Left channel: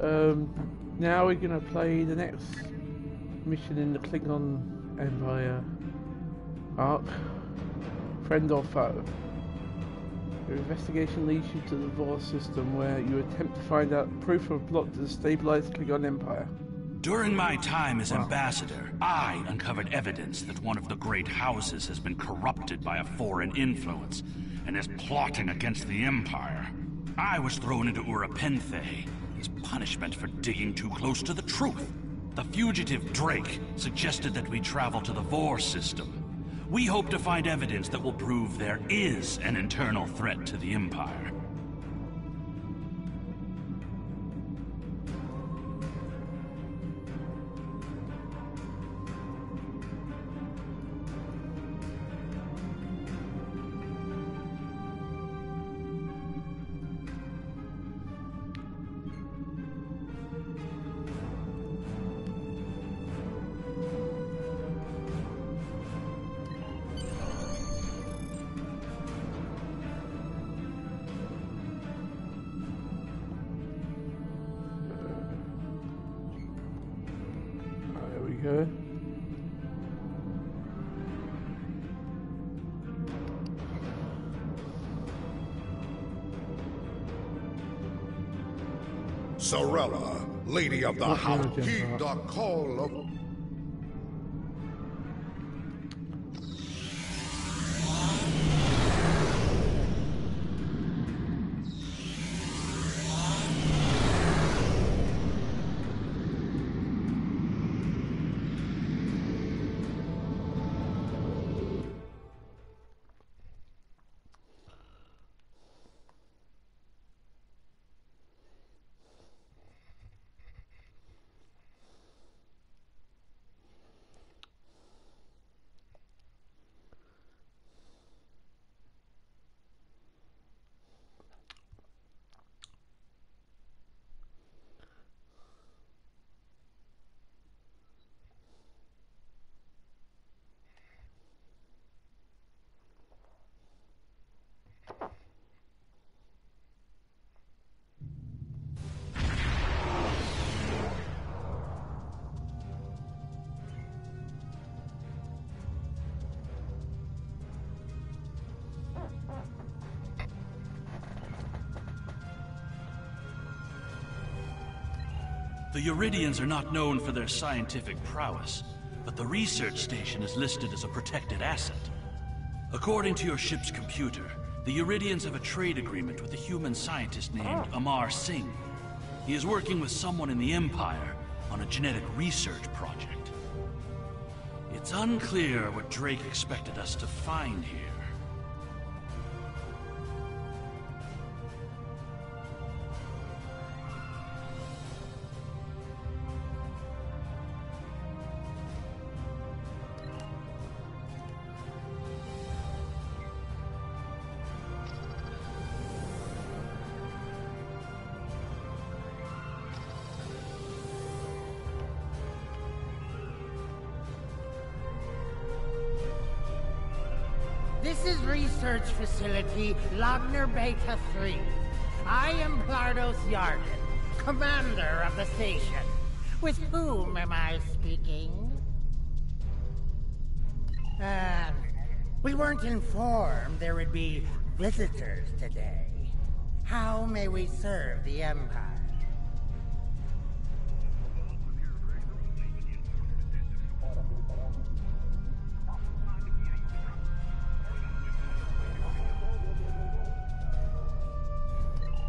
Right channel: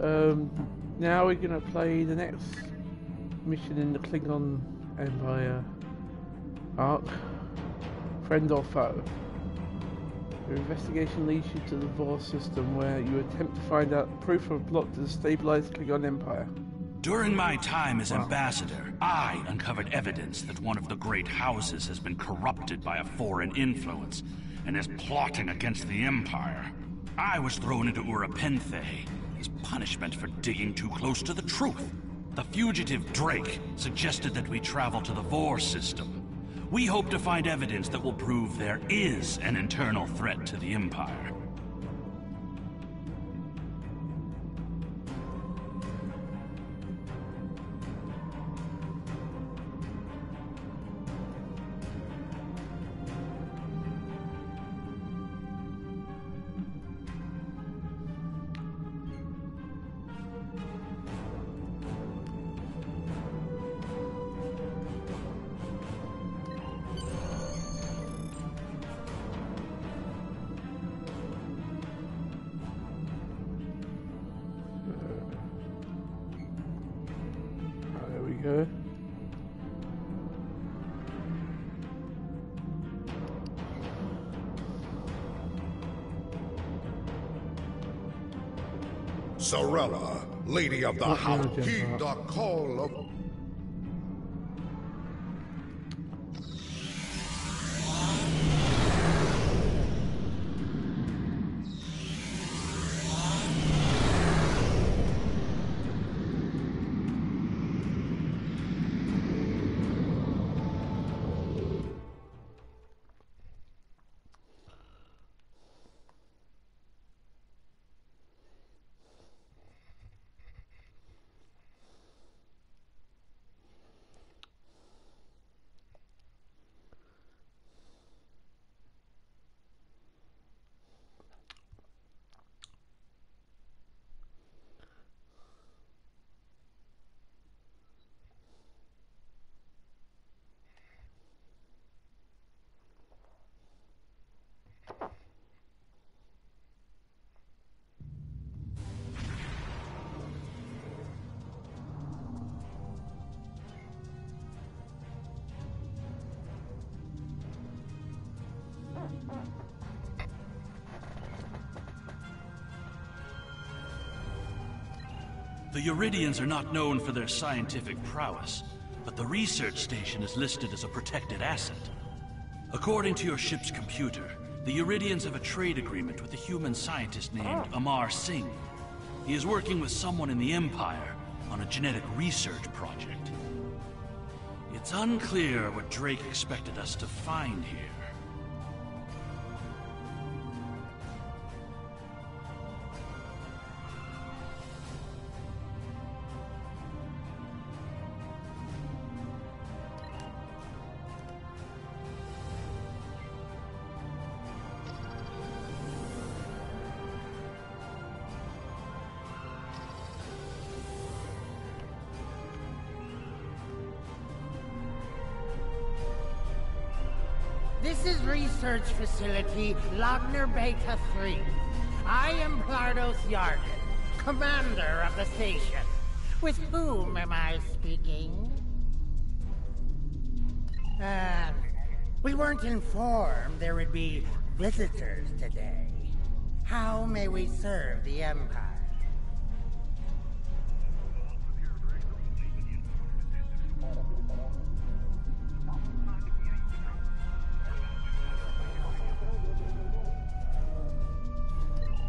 Now we're gonna play the next mission in the Klingon Empire arc. Friend or foe. Your investigation leads you to the Vor system, where you attempt to find out proof of a plot to destabilize the Klingon Empire. During my time as ambassador, I uncovered evidence that one of the great houses has been corrupted by a foreign influence and is plotting against the Empire. I was thrown into Urapenthe as punishment for digging too close to the truth. The fugitive Drake suggested that we travel to the Vor system. We hope to find evidence that will prove there is an internal threat to the Empire. There we go. Sorella, Lady of the House, heed the call of... The Uridians are not known for their scientific prowess, but the research station is listed as a protected asset. According to your ship's computer, the Uridians have a trade agreement with a human scientist named Amar Singh. He is working with someone in the Empire on a genetic research project. It's unclear what Drake expected us to find here. This is Research Facility Logner Beta 3. I am Plardos Yarden, commander of the station. With whom am I speaking? We weren't informed there would be visitors today. How may we serve the Empire?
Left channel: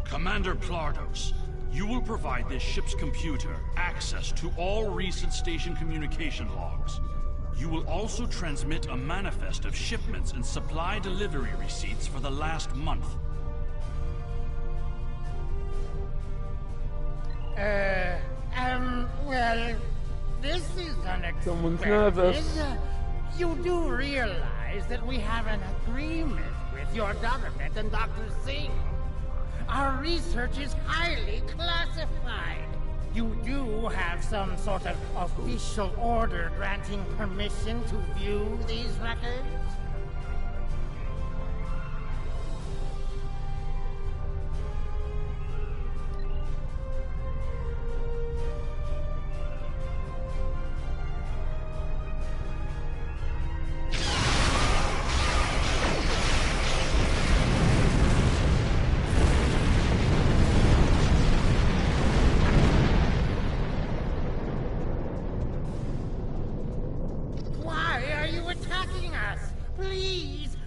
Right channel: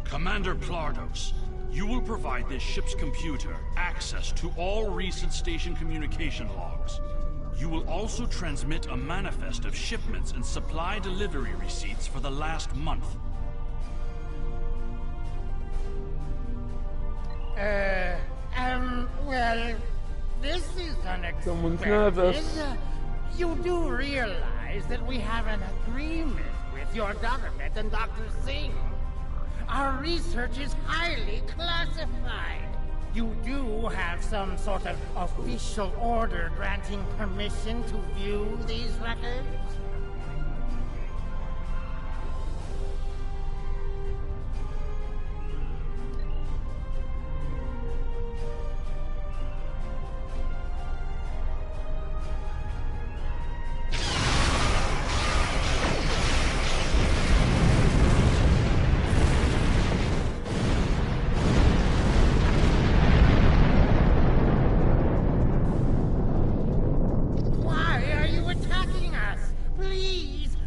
Commander Plardos, you will provide this ship's computer access to all recent station communication logs. You will also transmit a manifest of shipments and supply delivery receipts for the last month. Well, this is unexpected. Someone's nervous. You do realize that we have an agreement with your government and Dr. Singh? Our research is highly classified. You do have some sort of official order granting permission to view these records?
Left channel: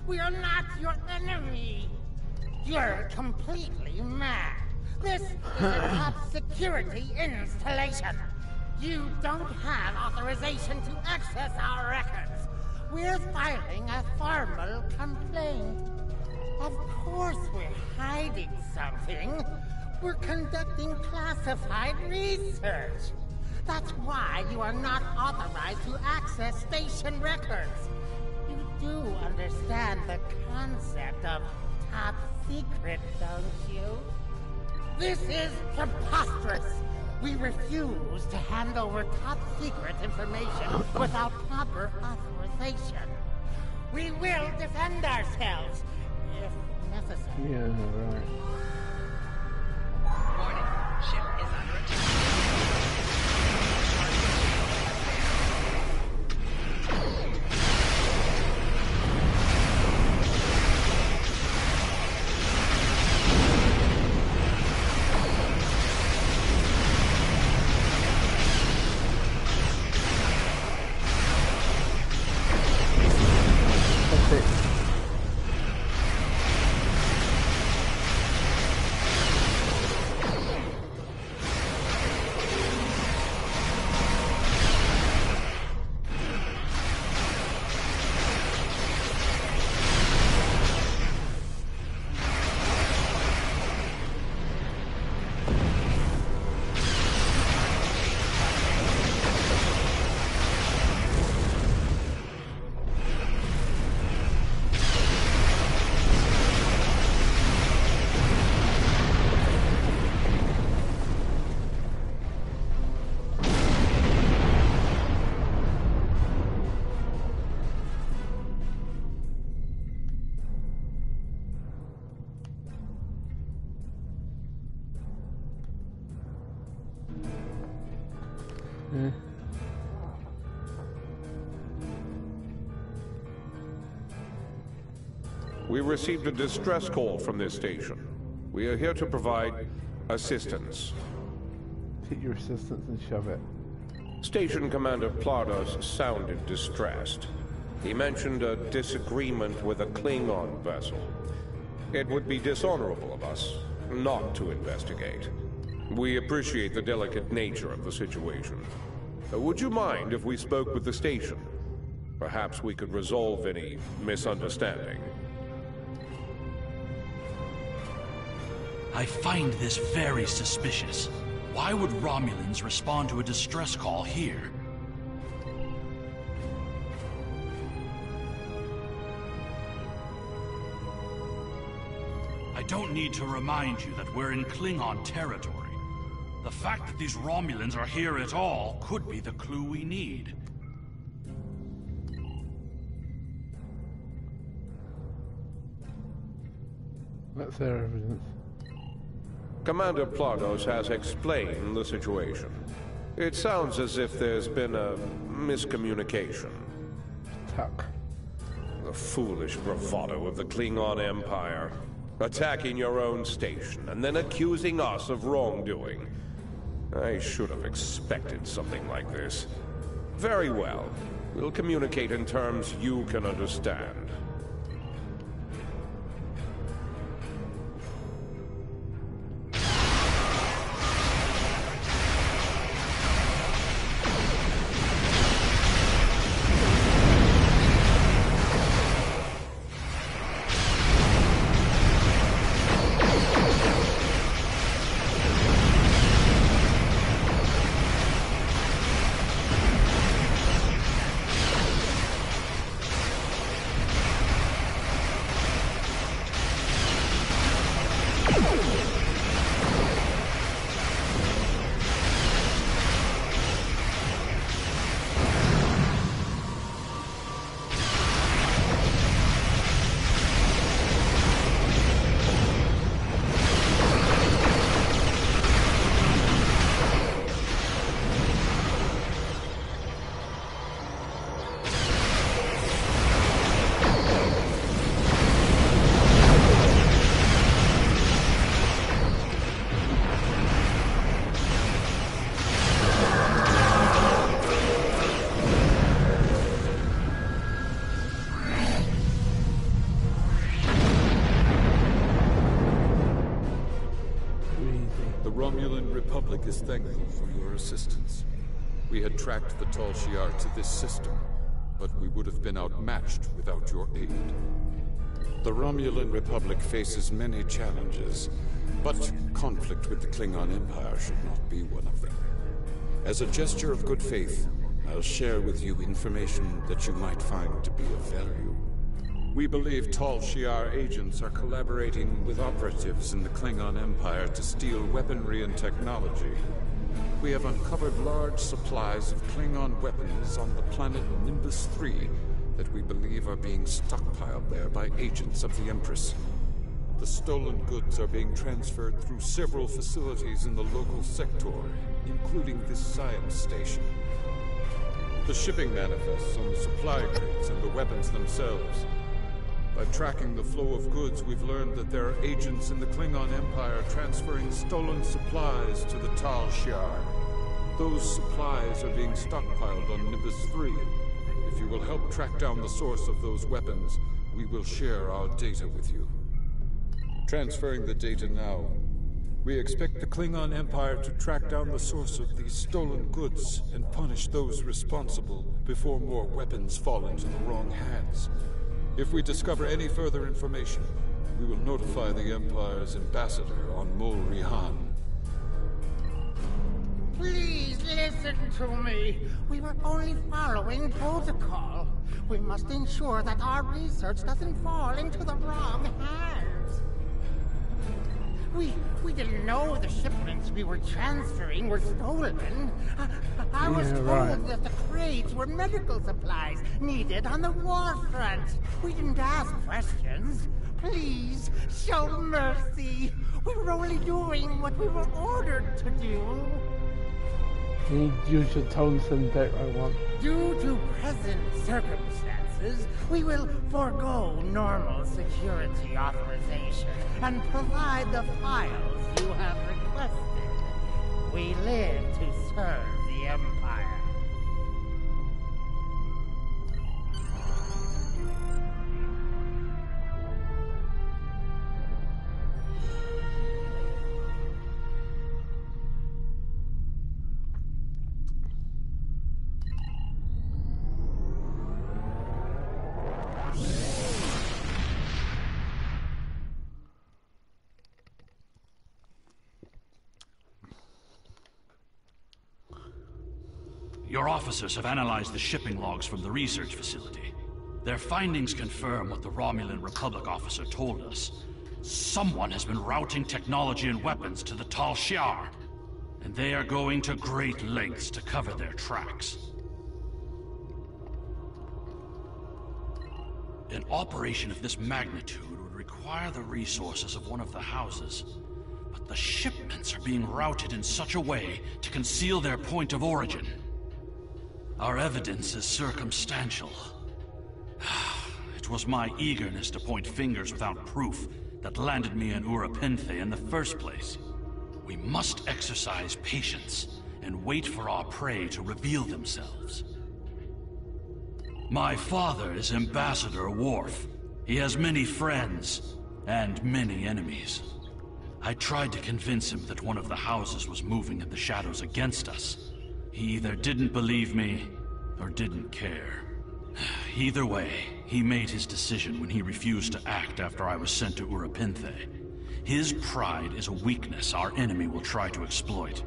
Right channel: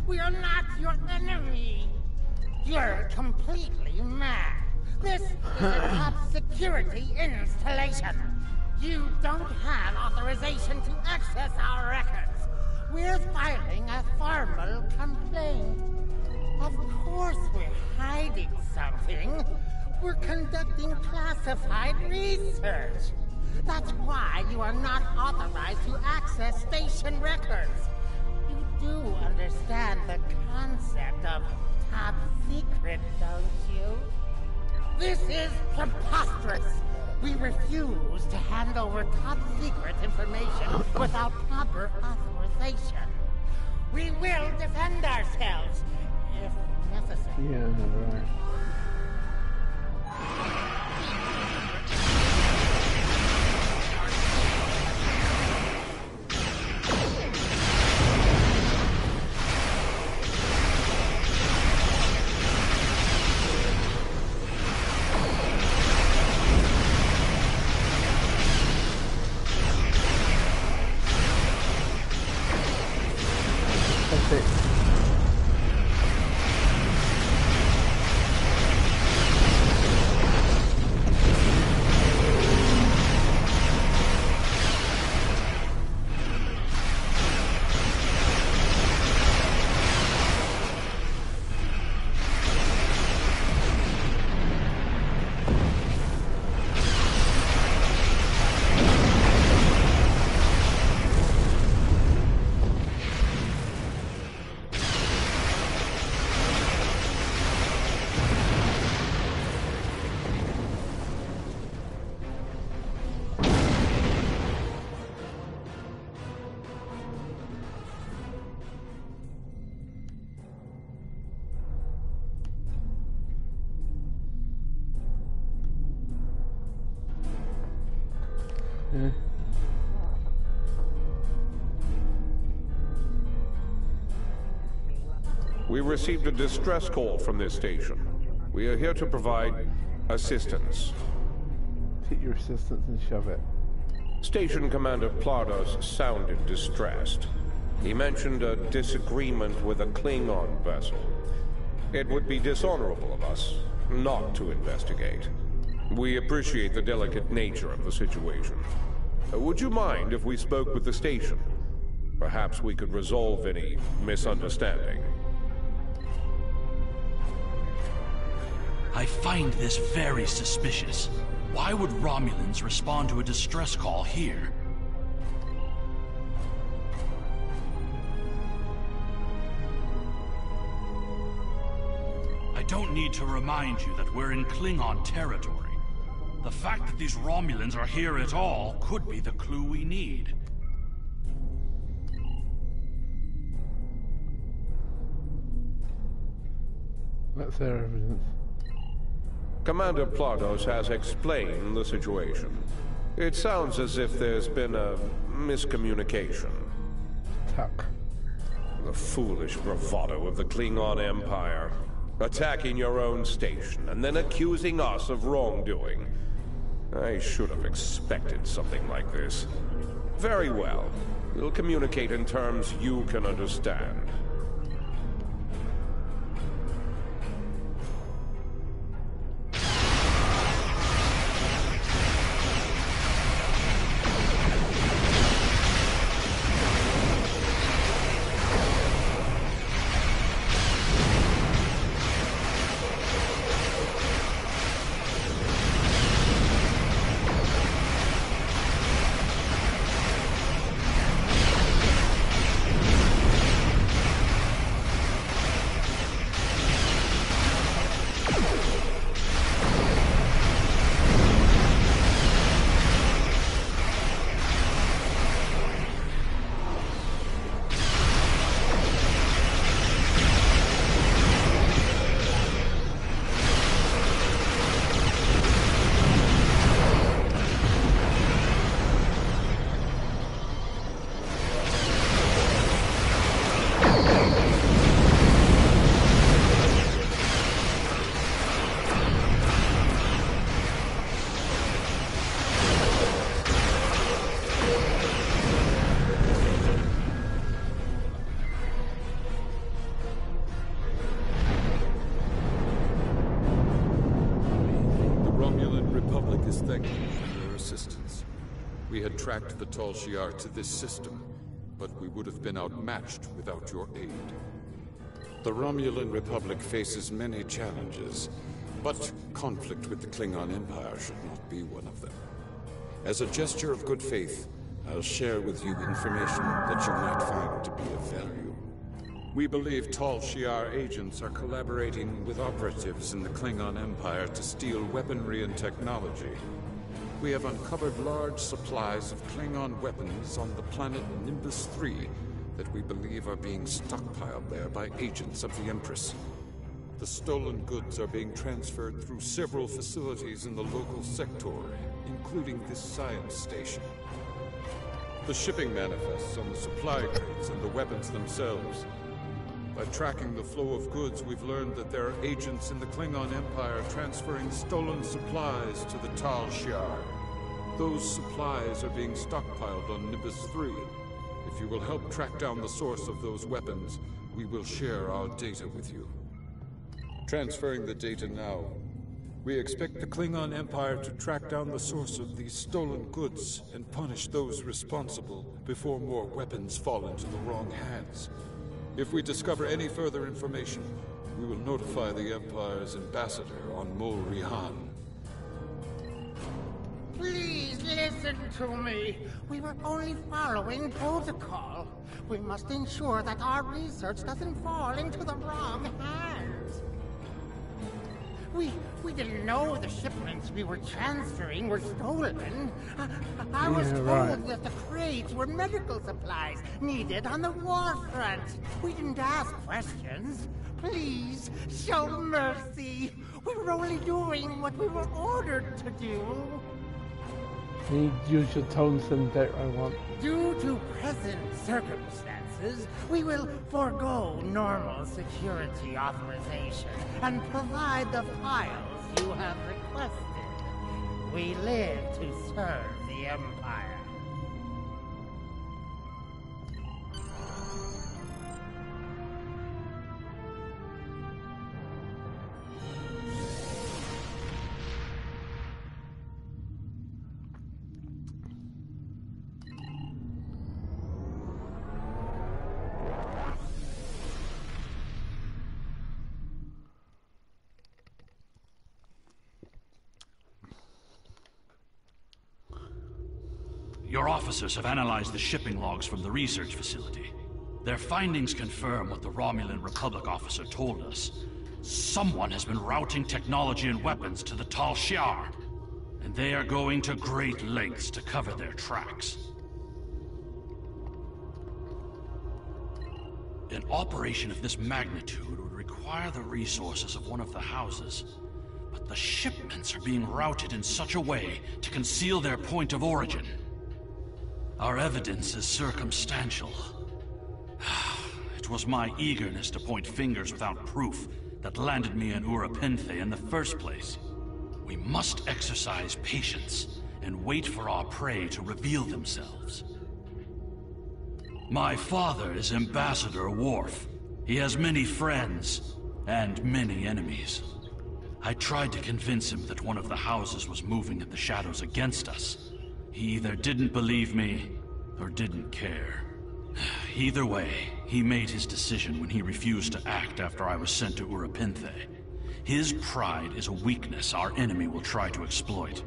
We are not your enemy. You're completely mad. This is a top security installation. You don't have authorization to access our records. We're filing a formal complaint. Of course we're hiding something. We're conducting classified research. That's why you are not authorized to access station records. You do understand the concept of top secret, don't you? This is preposterous. We refuse to hand over top secret information without proper authorization. We will defend ourselves if necessary. Yeah, right. That's it. Yeah. We received a distress call from this station. We are here to provide assistance. Take your assistance and shove it. Station Commander Plados sounded distressed. He mentioned a disagreement with a Klingon vessel. It would be dishonorable of us not to investigate. We appreciate the delicate nature of the situation. Would you mind if we spoke with the station? Perhaps we could resolve any misunderstanding. I find this very suspicious. Why would Romulans respond to a distress call here? I don't need to remind you that we're in Klingon territory. The fact that these Romulans are here at all could be the clue we need. That's their evidence. Commander Plados has explained the situation. It sounds as if there's been a miscommunication. Tuck. The foolish bravado of the Klingon Empire. Attacking your own station and then accusing us of wrongdoing. I should have expected something like this. Very well. We'll communicate in terms you can understand. Romulan Republic is thankful for your assistance. We had tracked the Tal Shiar to this system, but we would have been outmatched without your aid. The Romulan Republic faces many challenges, but conflict with the Klingon Empire should not be one of them. As a gesture of good faith, I'll share with you information that you might find to be of value. We believe Tal Shiar agents are collaborating with operatives in the Klingon Empire to steal weaponry and technology. We have uncovered large supplies of Klingon weapons on the planet Nimbus 3 that we believe are being stockpiled there by agents of the Empress. The stolen goods are being transferred through several facilities in the local sector, including this science station. The shipping manifests on the supply crates and the weapons themselves. By tracking the flow of goods, we've learned that there are agents in the Klingon Empire transferring stolen supplies to the Tal Shiar. Those supplies are being stockpiled on Nimbus 3. If you will help track down the source of those weapons, we will share our data with you. Transferring the data now. We expect the Klingon Empire to track down the source of these stolen goods and punish those responsible before more weapons fall into the wrong hands. If we discover any further information, we will notify the Empire's ambassador on Mol Rihan. Please listen to me. We were only following protocol. We must ensure that our research doesn't fall into the wrong hands. We didn't know the shipments we were transferring were stolen. I was told that the crates were medical supplies needed on the war front. We didn't ask questions. Please, show mercy. We were only doing what we were ordered to do. You need to use your tones and bit I want. Due to present circumstances, we will forego normal security authorization and provide the files you have requested. We live to serve the Empire. Your officers have analyzed the shipping logs from the research facility. Their findings confirm what the Romulan Republic officer told us. Someone has been routing technology and weapons to the Tal Shiar, and they are going to great lengths to cover their tracks. An operation of this magnitude would require the resources of one of the houses, but the shipments are being routed in such a way to conceal their point of origin. Our evidence is circumstantial. It was my eagerness to point fingers without proof that landed me in Urapinthe in the first place. We must exercise patience and wait for our prey to reveal themselves. My father is Ambassador Worf. He has many friends and many enemies. I tried to convince him that one of the houses was moving in the shadows against us. He either didn't believe me, or didn't care. Either way, he made his decision when he refused to act after I was sent to Urapinthe. His pride is a weakness our enemy will try to exploit.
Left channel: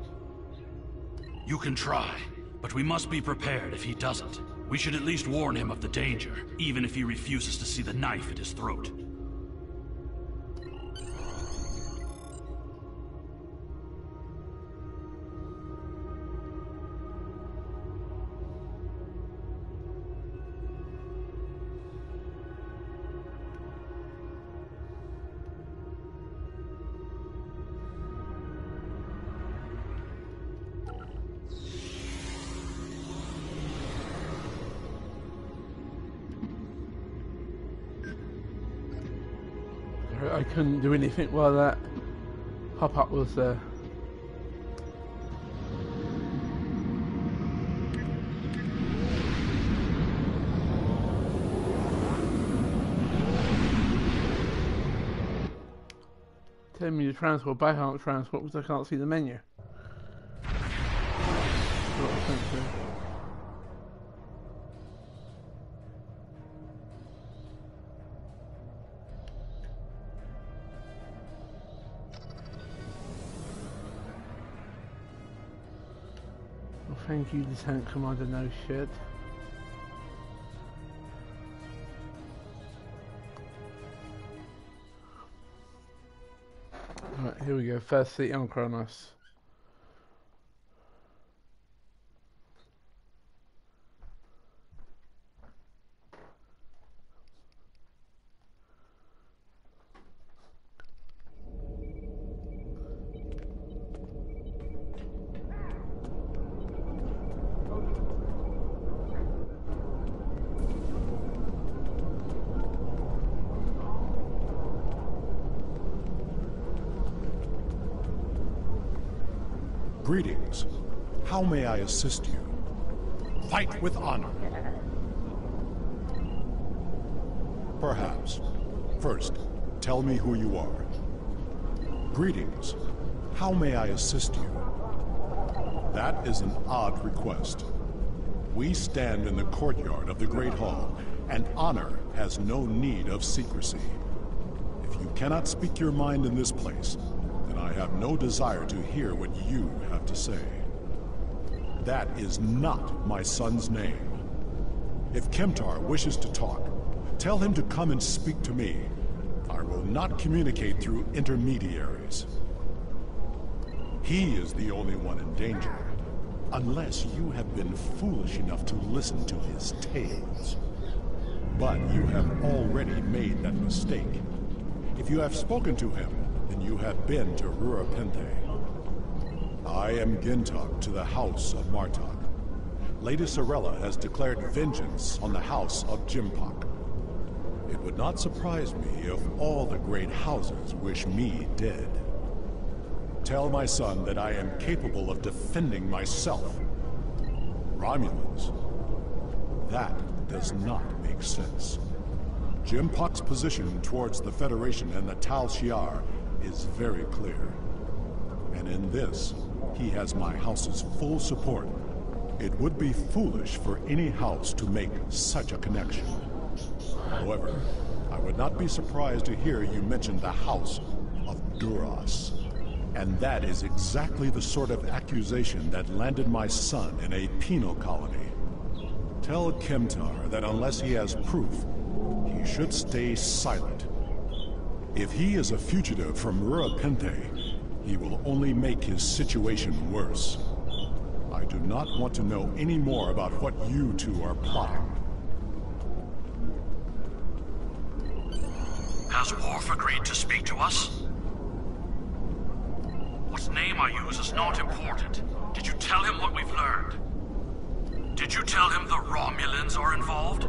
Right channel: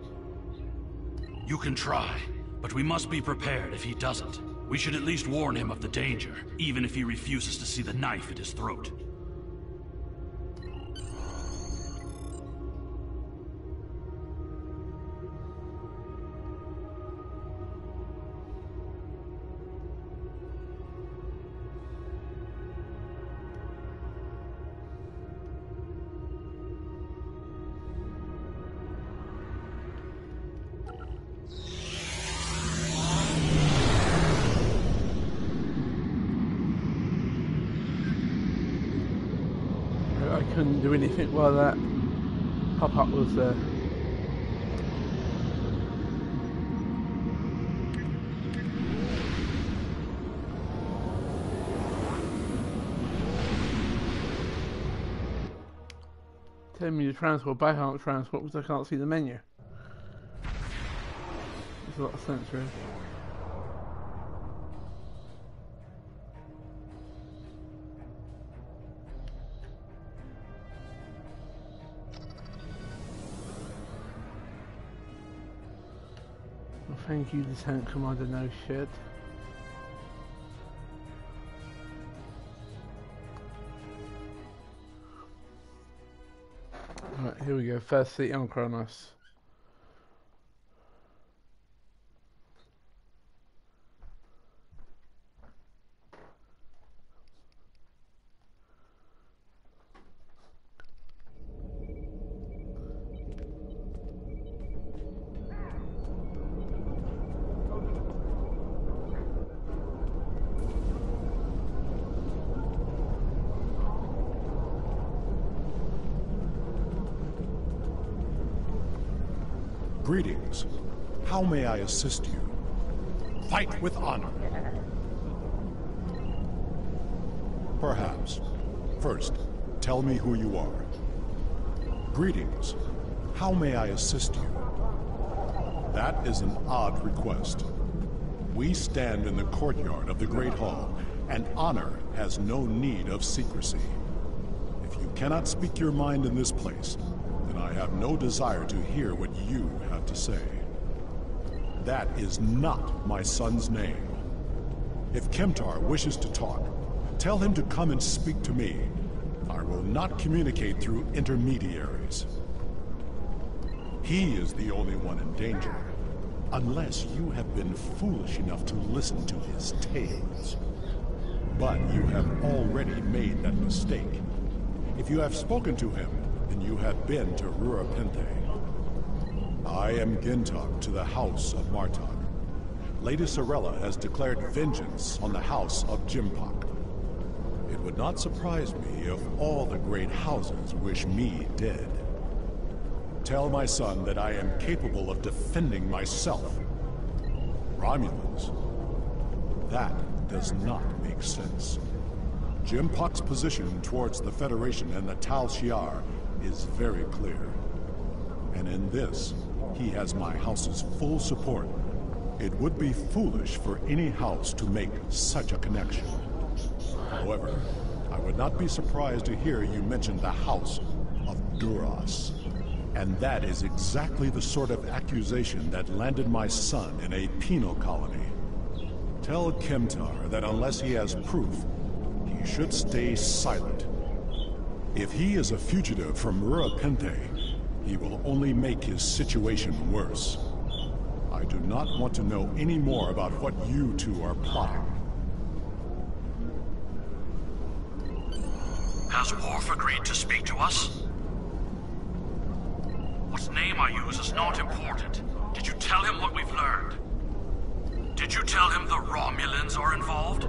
You can try, but we must be prepared if he doesn't. We should at least warn him of the danger, even if he refuses to see the knife at his throat. I couldn't do anything while that pop-up was there. Tell me to transport, but I can't transport because I can't see the menu. a lot of sentry. Well, thank you, the tank commander, no shit. Right, here we go. First city on Kronos. Greetings. How may I assist you? Fight with honor. Perhaps. First, tell me who you are. Greetings. How may I assist you? That is an odd request. We stand in the courtyard of the Great Hall, and honor has no need of secrecy. If you cannot speak your mind in this place, then I have no desire to hear what you have to say. That is not my son's name. If Kemtar wishes to talk, tell him to come and speak to me. I will not communicate through intermediaries. He is the only one in danger, unless you have been foolish enough to listen to his tales. But you have already made that mistake. If you have spoken to him, then you have been to Rurapente. I am Gintok to the House of Martok. Lady Sorella has declared vengeance on the House of Jimpak. It would not surprise me if all the great houses wish me dead. Tell my son that I am capable of defending myself. Romulans? That does not make sense. Jimpak's position towards the Federation and the Tal Shiar is very clear. And in this, he has my house's full support. It would be foolish for any house to make such a connection. However, I would not be surprised to hear you mention the House of Duras. And that is exactly the sort of accusation that landed my son in a penal colony. Tell Kemtar that unless he has proof, he should stay silent. If he is a fugitive from Rurapente, he will only make his situation worse. I do not want to know any more about what you two are plotting. Has Worf agreed to speak to us? What name I use is not important. Did you tell him what we've learned? Did you tell him the Romulans are involved?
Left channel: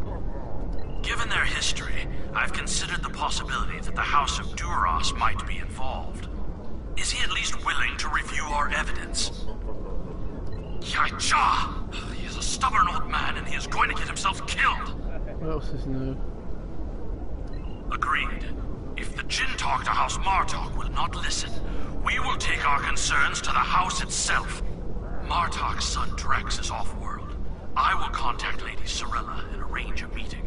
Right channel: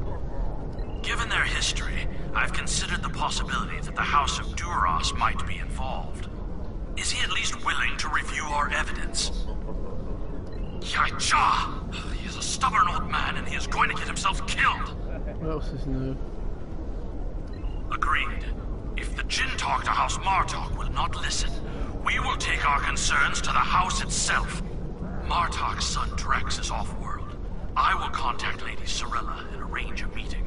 Given their history, I've considered the possibility that the House of Duras might be involved. Is he at least willing to review our evidence? Yaicha! He is a stubborn old man and he is going to get himself killed! What else is new? Agreed. If the Jinn talk to House Martok will not listen, we will take our concerns to the house itself. Martok's son Drex is off-world. I will contact Lady Sorella and arrange a meeting.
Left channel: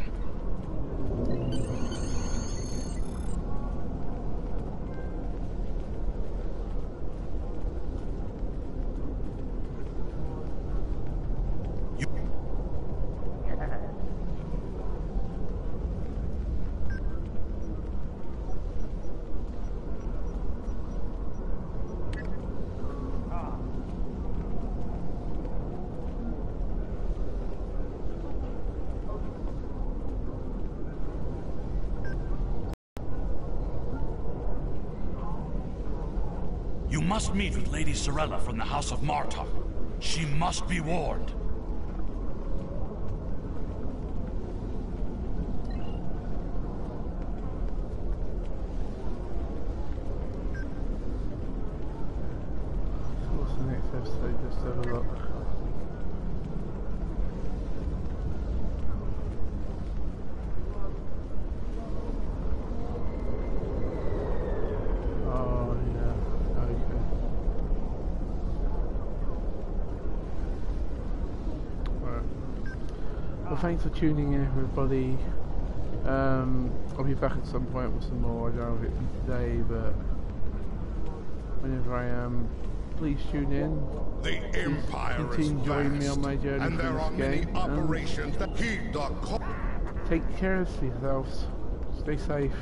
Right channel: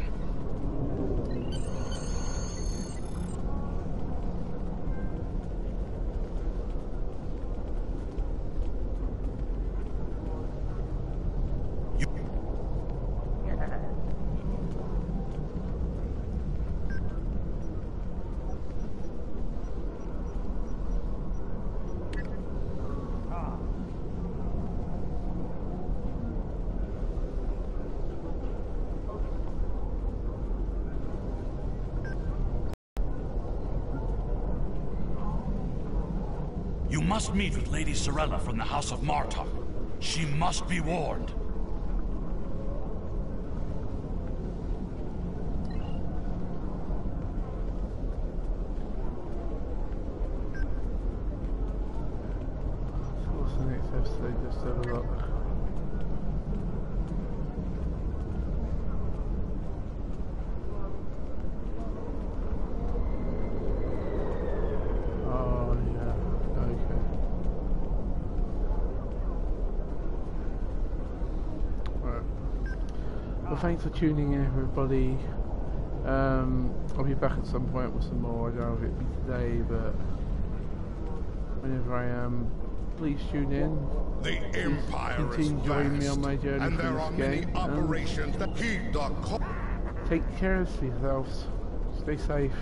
You must meet with Lady Sorella from the House of Martok. She must be warned. So what's the next episode? Just have a look. Oh yeah, okay. Well, thanks for tuning in, everybody. I'll be back at some point with some more. I don't know if it'll be today, but whenever I am, please tune in. The Empire continue is joining me vast, on my journey and through there this are many game. operations that heed the call. Take care of yourselves. Stay safe.